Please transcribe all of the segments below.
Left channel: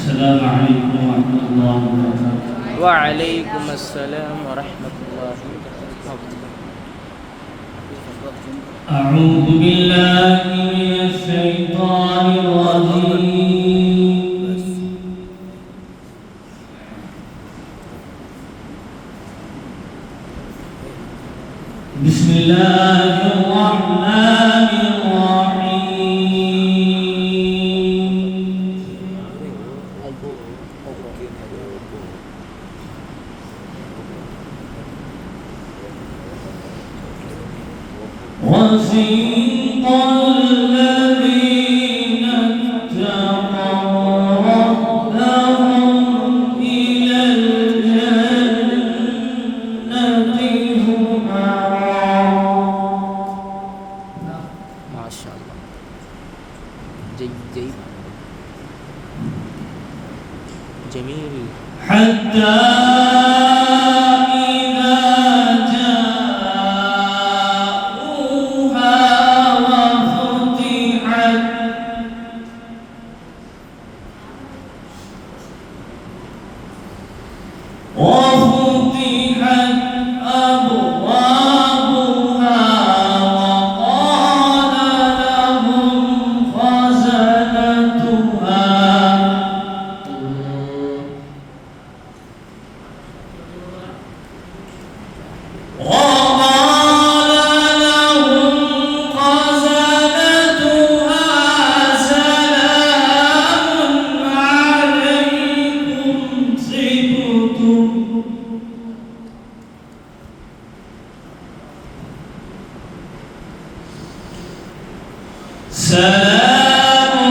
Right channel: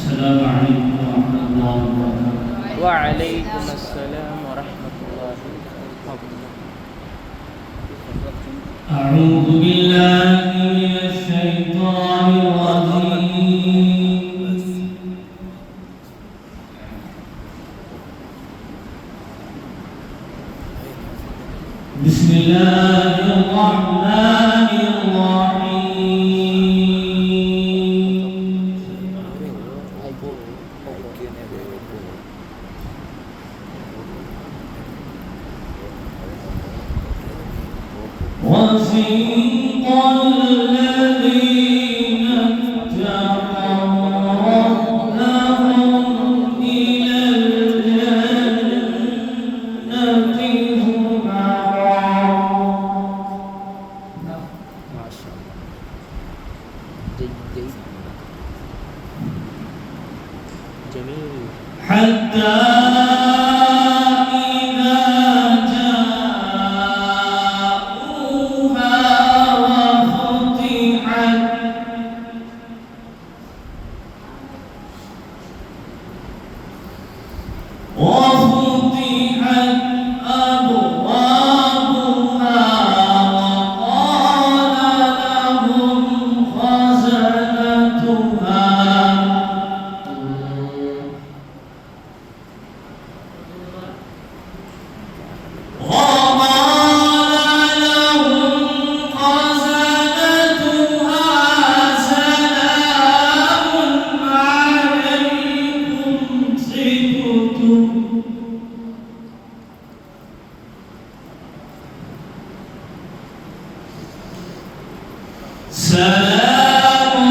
السلام عليكم ورحمة الله وبركاته. وعليكم السلام ورحمة الله وبركاته. أعوذ بالله من الشيطان الرجيم. بسم الله الرحمن الرحيم. وسيق الذين اتقوا ربهم إلى الجنة زمرا. ما شاء الله، جيد جيد، جميل. حتى وفتحت أبوابها وقال لهم خزنتها سلام عليكم طبتم. سلام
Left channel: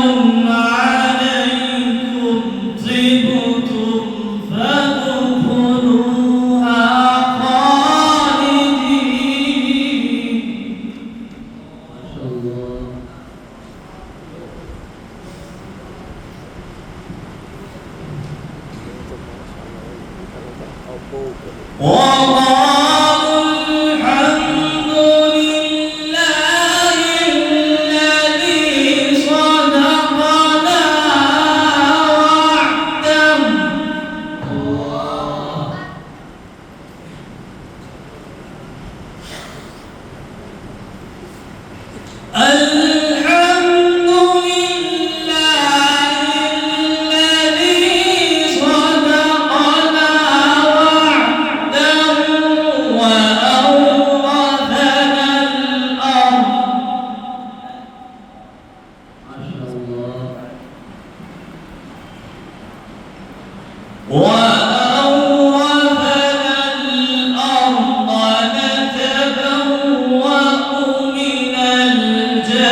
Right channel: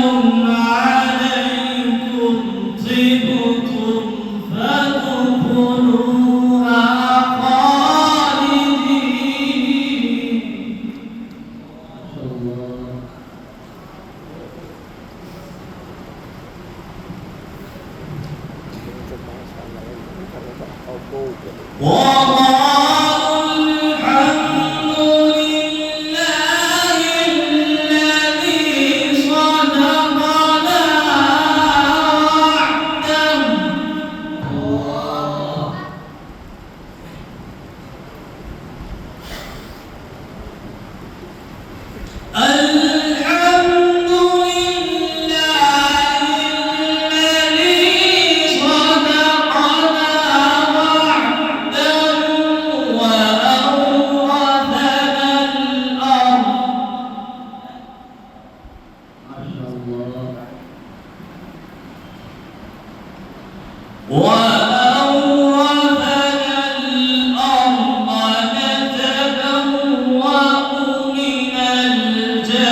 عليكم طبتم فادخلوها خالدين. وقالوا الحمد لله الذي صدقنا وعده. الحمد لله الذي صدقنا وعده وأورثنا الأرض نتبوأ من الجنة.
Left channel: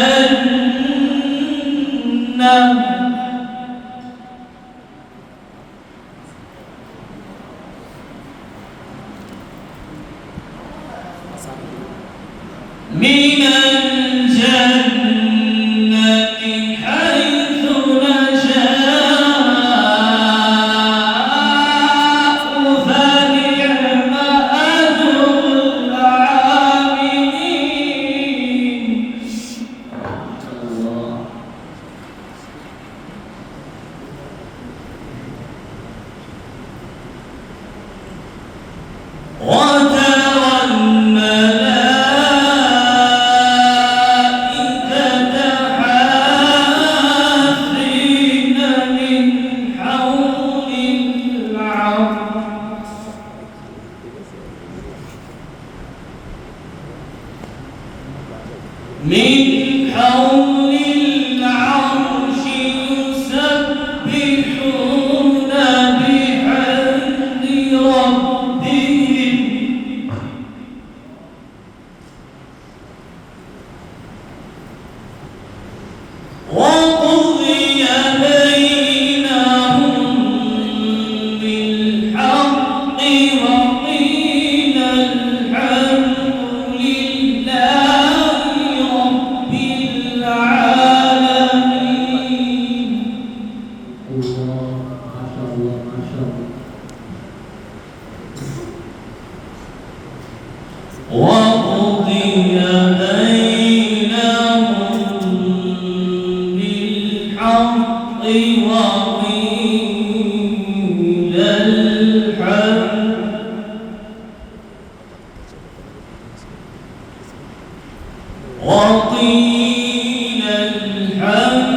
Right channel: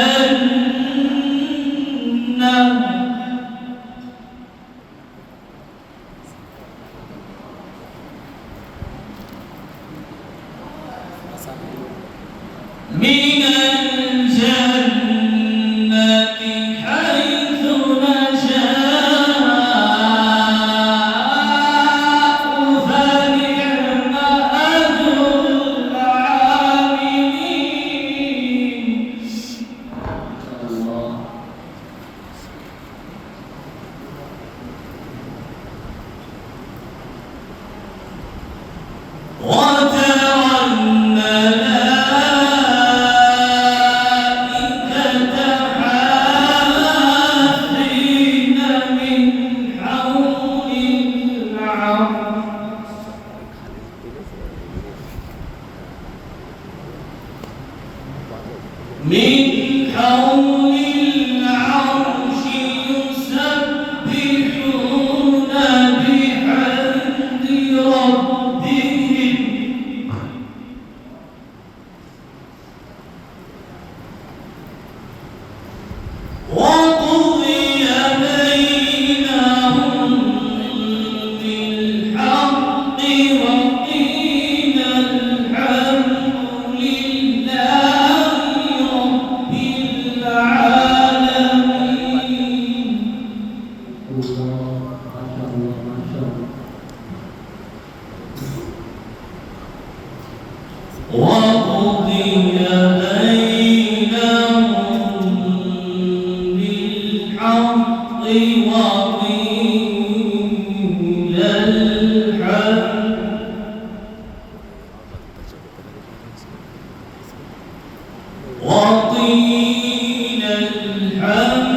من الجنة حيث نشاء فنعم أجر العاملين. وترى الملائكة حافين من حول العرش يسبحون بحمد ربهم وقضي بينهم بالحق وقيل الحمد لله رب العالمين. وقضي بينهم بالحق وقيل وقيل الحمد